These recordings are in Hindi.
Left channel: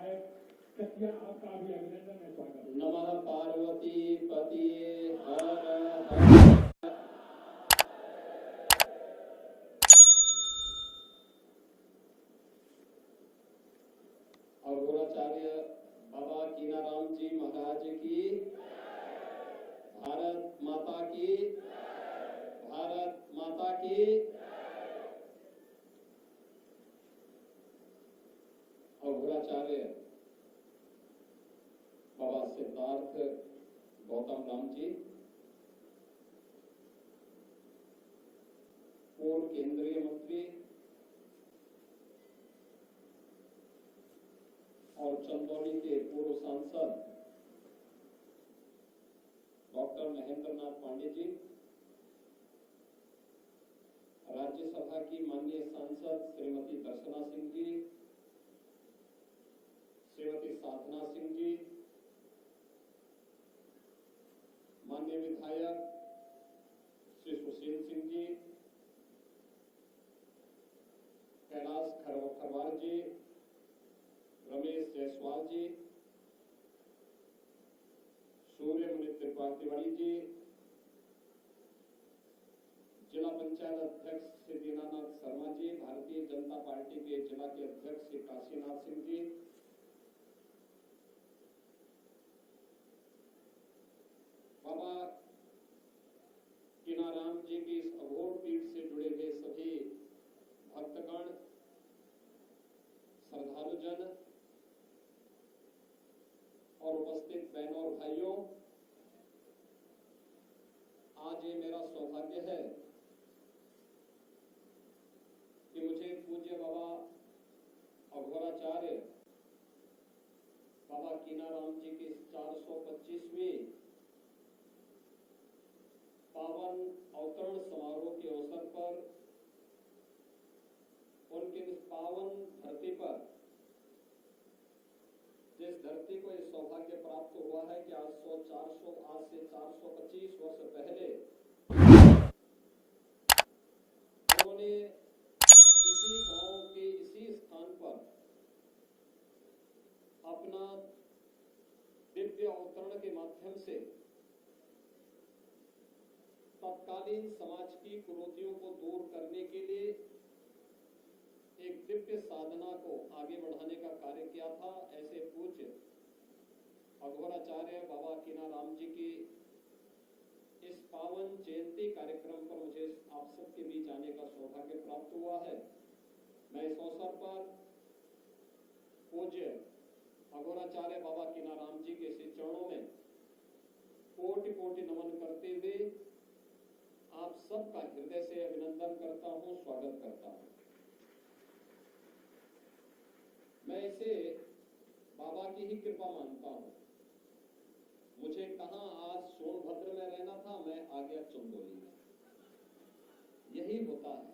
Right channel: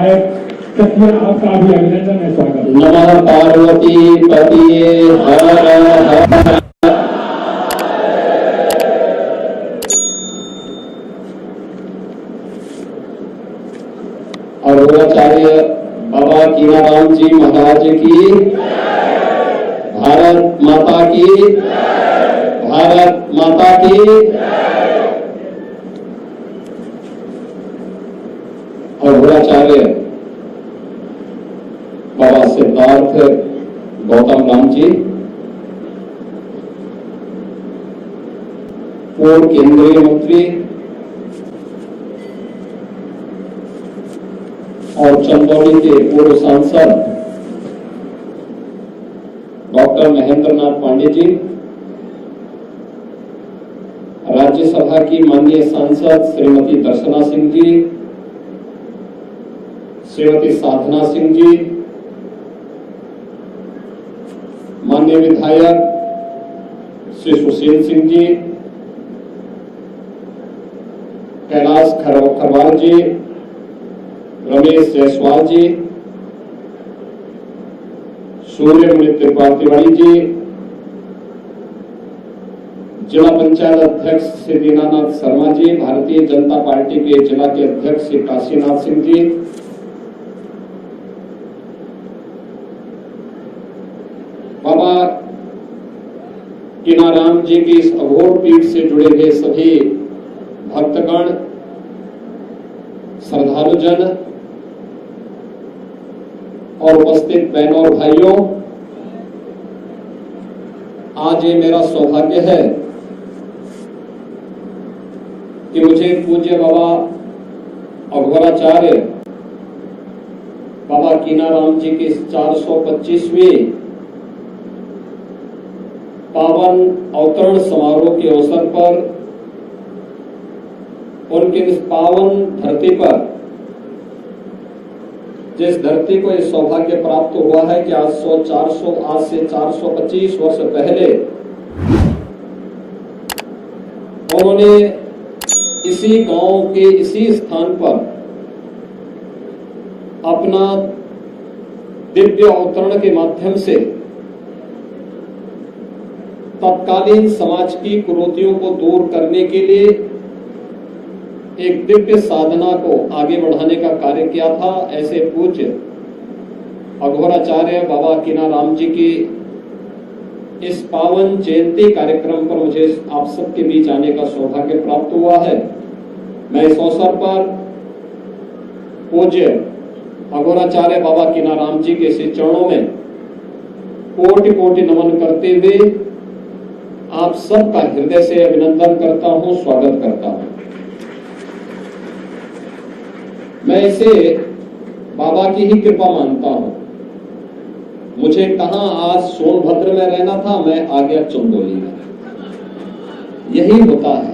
विधायक सचिव आपका भी अभिनंदन है, स्वागत। नमः पार्वती पतिये हर हर। अघोराचार्य बाबा कीनाराम जी महाराज की, भारत माता की, भारत माता की। अघोराचार्य बाबा सिद्धार्थ गौतम राम जी, पूर्व केंद्रीय मंत्री और चंदौली के पूर्व सांसद डॉक्टर महेंद्र नाथ पांडे जी, राज्यसभा की माननीय सांसद श्रीमती दर्शना सिंह जी, श्रीमती साधना सिंह जी, माननीय विधायक श्री सुशील सिंह जी, कैलाश खरवार जी, रमेश जायसवाल जी, सूर्यमणि त्रिपाठी जी, जिला पंचायत अध्यक्ष श्री दीनानाथ शर्मा जी, भारतीय जनता पार्टी के जिला के अध्यक्ष श्री काशीनाथ सिंह जी, बाबा कीनाराम जी की इस अघोर पीठ से जुड़े हुए सभी भक्तगण, श्रद्धालुजन और उपस्थित बहनों और भाइयों, आज ये मेरा सौभाग्य है कि मुझे पूज्य बाबा अघोराचार्य बाबा कीनाराम जी के 425वें पावन अवतरण समारोह के अवसर पर उनके इस पावन धरती पर, जिस धरती को यह सौभाग्य प्राप्त हुआ है कि आज से 425 वर्ष पहले उन्होंने इसी गांव के इसी स्थान पर अपना दिव्य अवतरण के माध्यम से तत्कालीन समाज की कुरीतियों को दूर करने के लिए एक दिव्य साधना को आगे बढ़ाने का कार्य किया था। ऐसे पूज्य अघोराचार्य बाबा कीनाराम जी की इस पावन जयंती कार्यक्रम पर मुझे आप सबके बीच आने का सौभाग्य प्राप्त हुआ है। मैं इस अवसर पर पूज्य अघोराचार्य बाबा कीनाराम जी के श्री चरणों में कोटि कोटि नमन करते हुए आप सबका हृदय से अभिनंदन करता हूं, स्वागत करता हूं। मैं इसे बाबा की ही कृपा मानता हूं। मुझे कहां आज सोनभद्र में रहना था, मैं आ गया चंदौली में। यही होता है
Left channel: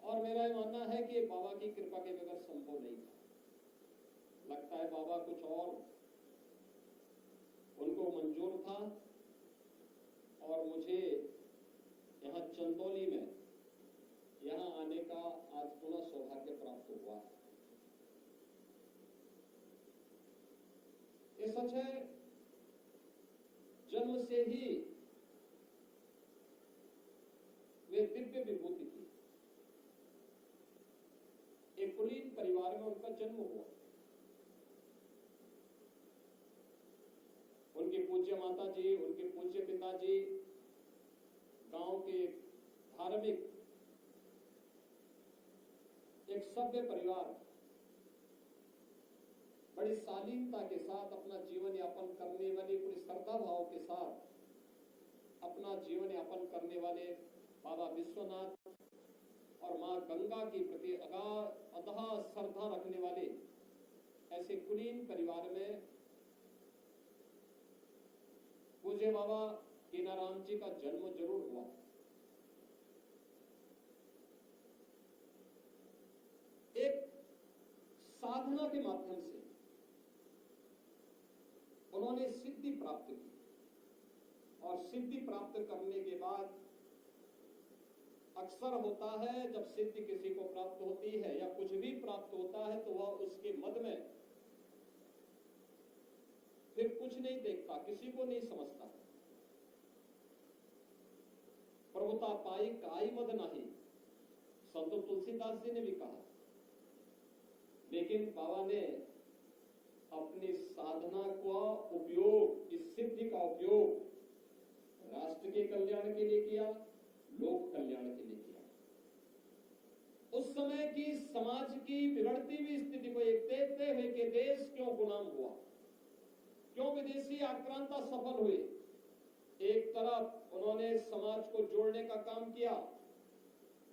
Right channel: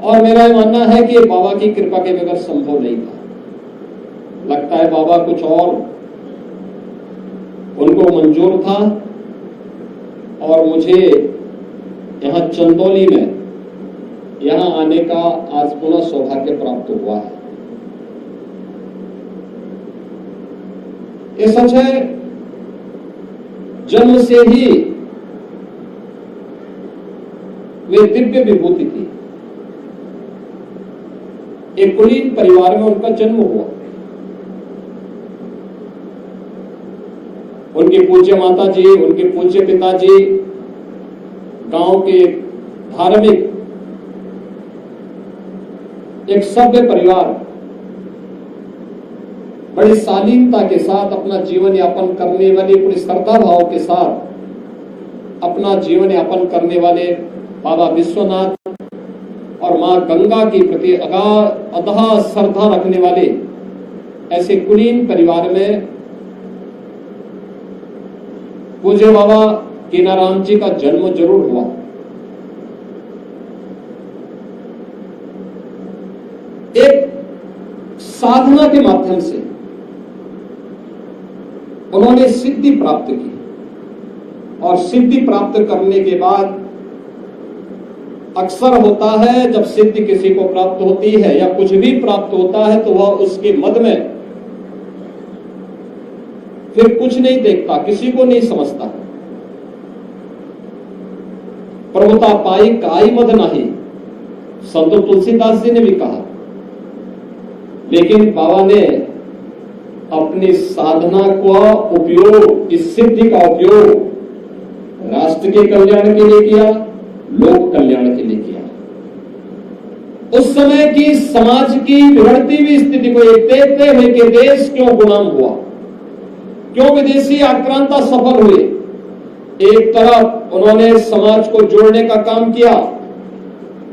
और मेरा मानना है कि बाबा की कृपा के बगैर संभव नहीं था। लगता है बाबा कुछ और उनको मंजूर था और मुझे यहां चंदौली में यहां आने का आज पुनः सौभाग्य प्राप्त हुआ है। ये सच है, जन्म से ही वे दिव्य विभूति थी। एक कुलीन परिवार में उनका जन्म हुआ। उनके पूज्य माता जी, उनके पूज्य पिताजी गांव के धार्मिक एक सभ्य परिवार बड़ी शालीनता के साथ अपना जीवन यापन करने वाले, पूरी श्रद्धा भाव के साथ अपना जीवन यापन करने वाले बाबा विश्वनाथ और मां गंगा के प्रति अगाध श्रद्धा रखने वाले ऐसे कुलीन परिवार में पूज्य बाबा कीनाराम जी का जन्म जरूर हुआ। एक साधना के माध्यम से उन्होंने सिद्धि प्राप्त की और सिद्धि प्राप्त करने के बाद अक्सर होता है जब सिद्धि किसी को प्राप्त होती है या कुछ भी प्राप्त होता है तो वह उसके मद में फिर कुछ नहीं देखता, किसी को नहीं समझता। प्रभुता पाई काई मद नहीं, संत तुलसीदास जी ने भी कहा। लेकिन बाबा ने अपनी साधना का उपयोग, इस सिद्धि का उपयोग राष्ट्र के कल्याण के लिए किया, लोक कल्याण के लिए किया। उस समय की समाज की बिगड़ती हुई स्थिति को एक देखते हुए कि देश क्यों गुलाम हुआ, क्यों विदेशी आक्रांता सफल हुए। एक तरफ उन्होंने समाज को जोड़ने का काम किया,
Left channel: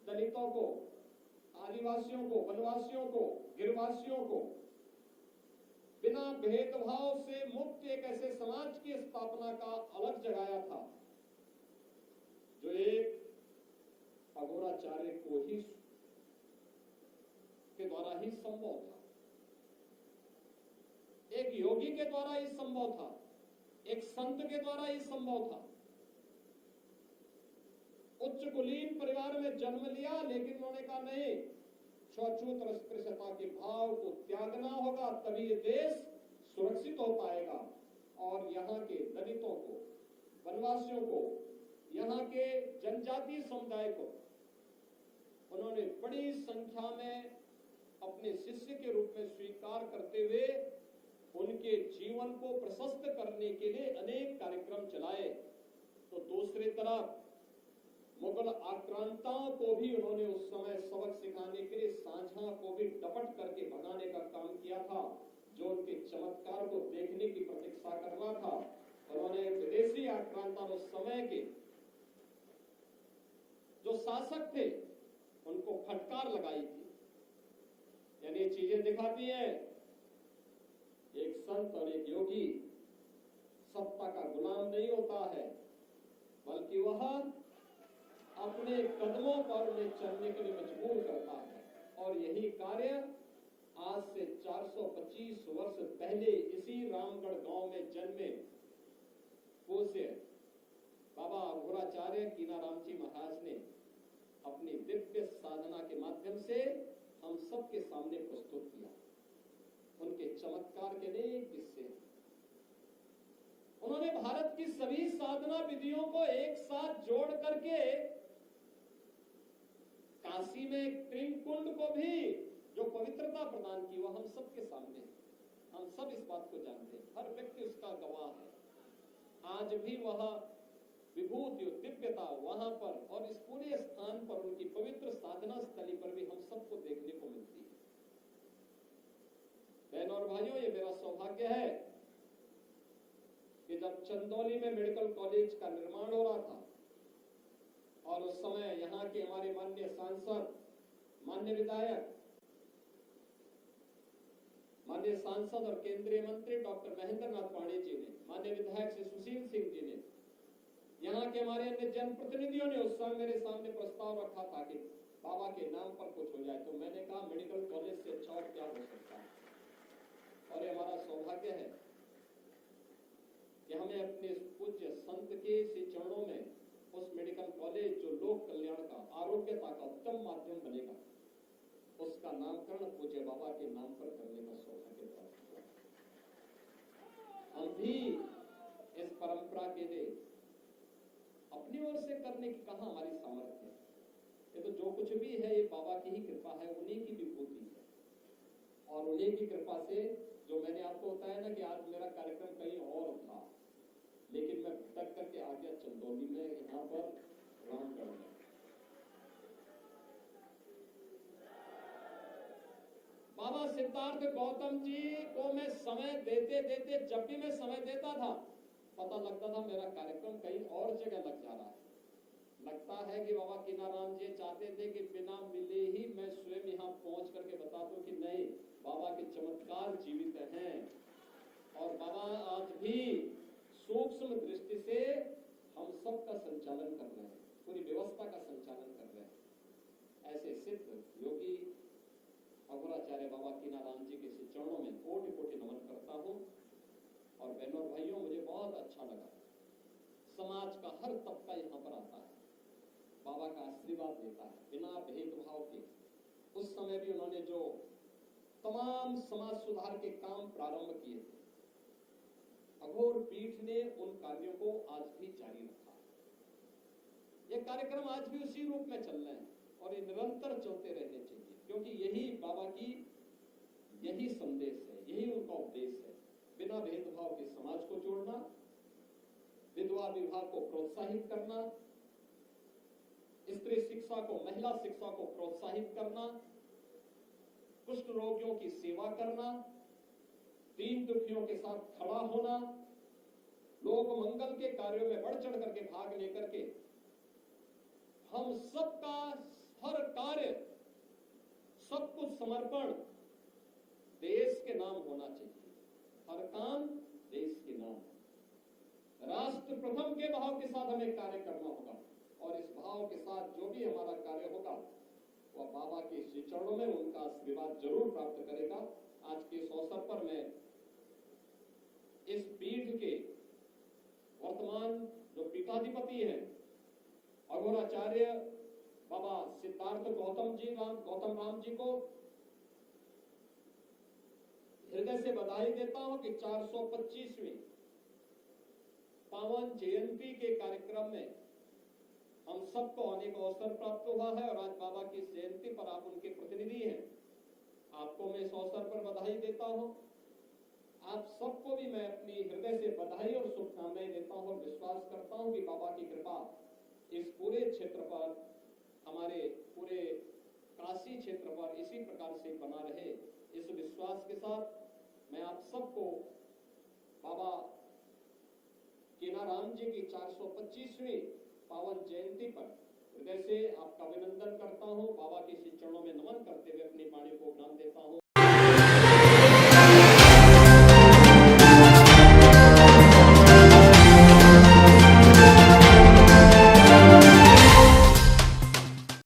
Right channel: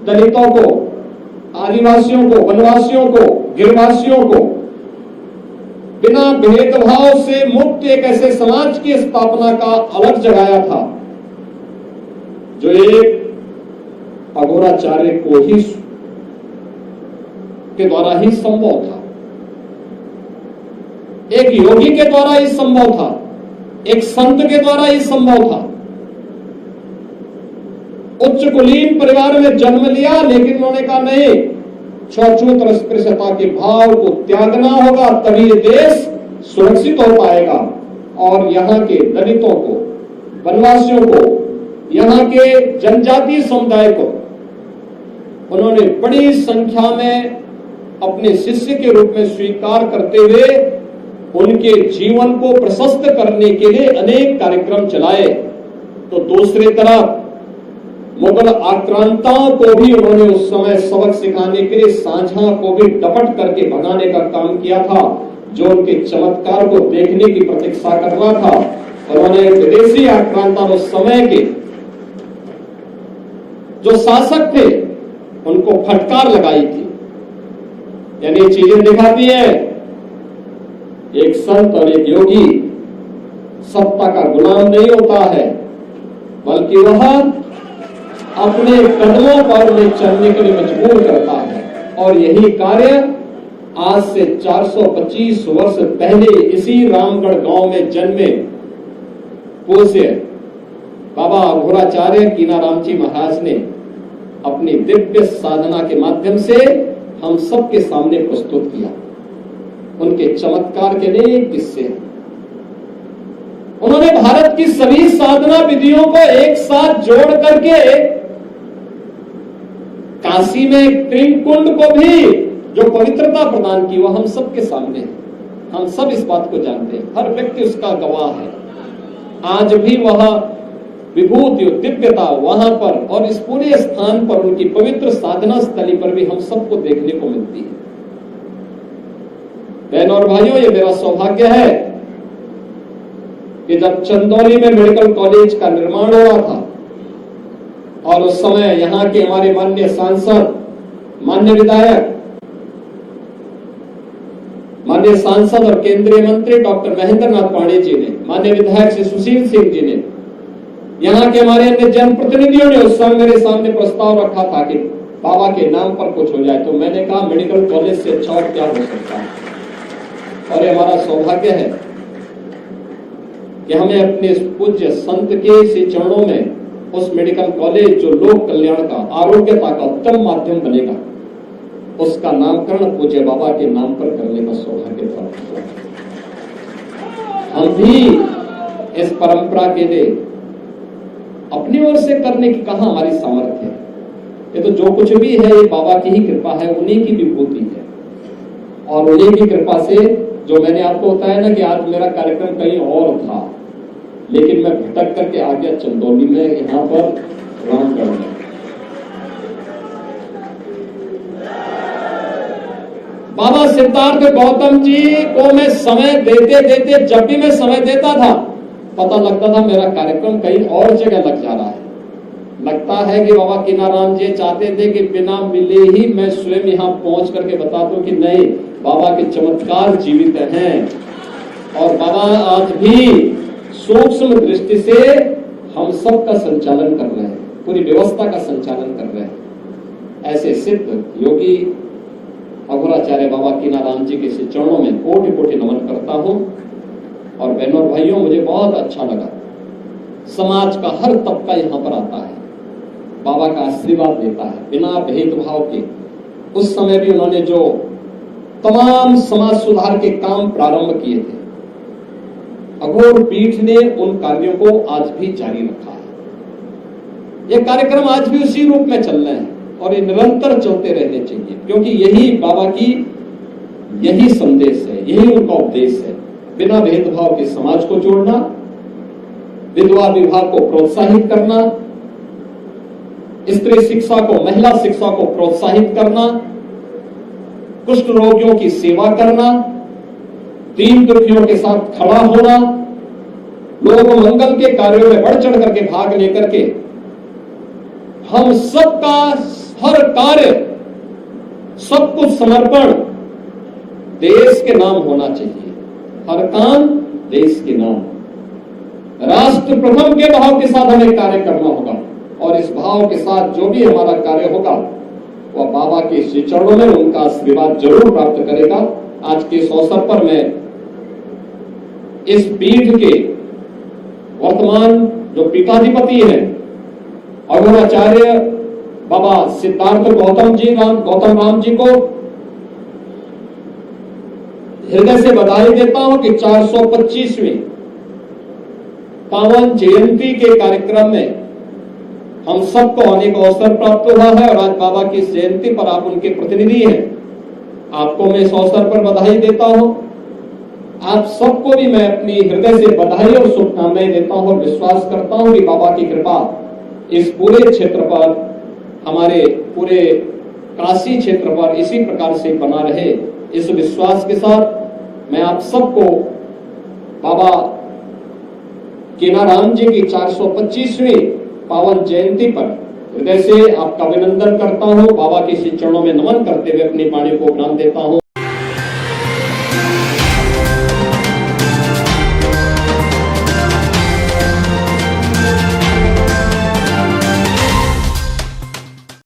दलितों को, आदिवासियों को, वनवासियों को, गिरवासियों को बिना भेदभाव से मुक्त एक ऐसे समाज की स्थापना का अलग जगाया था जो एक अघोराचार्य को ही के द्वारा ही संभव था, एक योगी के द्वारा ही संभव था, एक संत के द्वारा ही संभव था। उच्च कुलीन परिवार में जन्म लिया, लेकिन उन्होंने कहा नहीं, छूत अस्पृश्यता के भाव को त्यागना होगा, तभी ये देश सुरक्षित हो पाएगा। और यहाँ के दलितों को, वनवासियों को, यहाँ के जनजातीय समुदाय को उन्होंने बड़ी संख्या में अपने शिष्य के रूप में स्वीकार करते हुए उनके जीवन को प्रशस्त करने के लिए अनेक कार्यक्रम चलाए। तो दूसरी तरफ मुगल आक्रांताओं को भी उन्होंने उस समय सबक सिखाने के लिए सांझा को भी डपट करके भगाने का काम किया था, जो उनके चमत्कार को देखने की प्रतीक्षा कर रहा था। उन्होंने विदेशी आक्रांता उस समय के जो शासक थे उनको फटकार लगाई थी। यानी चीजें दिखाती है, एक संत और एक योगी सत्ता का गुलाम नहीं होता है, बल्कि वह अपने कदमों पर उन्हें चलने के लिए मजबूर करता है। और यही कार्य आज से 425 वर्ष पहले इसी रामगढ़ गांव में जन्मे पूज्य बाबा अघोराचार्य कीनाराम जी महाराज ने अपनी दिव्य साधना के माध्यम से हम सबके सामने प्रस्तुत किया। उनके चमत्कार के अनेक किस्से हैं। उन्होंने भारत की सभी साधना विधियों को एक साथ जोड़ करके काशी में त्रिकुंड को भी जो पवित्रता प्रदान की, वह हम सबके सामने है। हम सब इस बात को जानते हैं, हर व्यक्ति उसका गवाह है। आज भी वह विभूति और दिव्यता वहां पर और इस पूरे स्थान पर, उनकी पवित्र साधना स्थली पर भी हम सबको देखने को मिलती है। बहनों और भाइयों, ये मेरा सौभाग्य है कि जब चंदौली में मेडिकल कॉलेज का निर्माण हो रहा था और उस समय यहाँ के हमारे माननीय सांसद, माननीय विधायक, माननीय सांसद और केंद्रीय मंत्री डॉक्टर महेंद्र नाथ पांडे जी ने, माननीय विधायक श्री सुशील सिंह जी ने, यहाँ के हमारे अन्य जनप्रतिनिधियों ने उस समय मेरे सामने प्रस्ताव रखा था कि बाबा के नाम पर कुछ हो जाए। तो मैंने कहा मेडिकल कॉलेज से अच्छा और क्या हो सकता है। और ये हमारा सौभाग्य है कि हमें अपने पूज्य संत के इसी चरणों में उस मेडिकल कॉलेज जो लोक कल्याण का, आरोग्यता का उत्तम माध्यम बनेगा, उसका नामकरण पूज्य बाबा के नाम पर करने का सौभाग्य प्राप्त हुआ। हम भी इस परंपरा के लिए अपनी ओर से करने की कहां हमारी सामर्थ्य है। ये तो जो कुछ भी है ये बाबा की ही कृपा है, उन्हीं की विभूति है। और उन्हीं की कृपा से जो मैंने आपको बताया ना कि आज मेरा कार्यक्रम कहीं और था, लेकिन मैं भटक करके आ गया चंदौली में, यहाँ पर रामगढ़ में। बाबा सिद्धार्थ गौतम जी को मैं समय देते देते, जब भी मैं समय देता था, पता लगता था मेरा कार्यक्रम कहीं और जगह लग जा रहा है। लगता है कि बाबा कीनाराम जी चाहते थे कि बिना मिले ही मैं स्वयं यहाँ पहुंच करके बता दूं कि नहीं, बाबा के चमत्कार जीवित हैं। और बाबा आज भी सूक्ष्म दृष्टि से हम सब का संचालन कर रहे हैं, पूरी व्यवस्था का संचालन कर रहे हैं। ऐसे सिद्ध योगी अघोराचार्य बाबा कीनाराम जी के चरणों में कोटि कोटि नमन करता हूं। और बहनों और भाइयों, मुझे बहुत अच्छा लगा, समाज का हर तबका यहाँ पर आता है। बाबा का आशीर्वाद लेता है बिना भेदभाव के। उस समय भी उन्होंने जो तमाम समाज सुधार के काम प्रारंभ किए थे, अघोर पीठ ने उन कार्यों को आज भी जारी रखा है। ये कार्यक्रम आज भी उसी रूप में चल रहे हैं और ये निरंतर चलते रहने चाहिए, क्योंकि यही बाबा की यही संदेश है, यही उनका उपदेश है। बिना भेदभाव के समाज को जोड़ना, विधवा विवाह को प्रोत्साहित करना, स्त्री शिक्षा को, महिला शिक्षा को प्रोत्साहित करना, कुष्ठ रोगियों की सेवा करना, दीन दुखियों के साथ खड़ा होना, लोग मंगल के कार्यों में बढ़ चढ़ करके भाग लेकर के हम सबका हर कार्य, सब कुछ समर्पण देश के नाम होना चाहिए। हर काम देश के नाम, राष्ट्र प्रथम के भाव के साथ हमें कार्य करना होगा और इस भाव के साथ जो भी हमारा कार्य होगा वह बाबा के श्री चरणों में उनका आशीर्वाद जरूर प्राप्त करेगा। आज के इस अवसर पर मैं इस पीठ के वर्तमान जो पीठाधिपति हैं अघोराचार्य बाबा सिद्धार्थ गौतम राम जी को हृदय से बधाई देता हूं कि 425वीं पावन जयंती के कार्यक्रम में हम सबको आने का अवसर प्राप्त हुआ है और आज बाबा की इस जयंती पर आप उनके प्रतिनिधि हैं। आपको मैं इस अवसर पर बधाई देता हूं। आप सबको भी मैं अपनी हृदय से बधाई और शुभकामनाएं देता हूं और विश्वास करता हूं कि बाबा की कृपा इस पूरे क्षेत्र पर, हमारे पूरे काशी क्षेत्र पर इसी प्रकार से बना रहे। इस विश्वास के साथ मैं आप सबको बाबा केनाराम जी की 425वीं पावन जयंती पर हृदय से आपका अभिनंदन करता हूं। बाबा के श्री चरणों में नमन करते हुए अपनी वाणी को उपनाम देता हूं।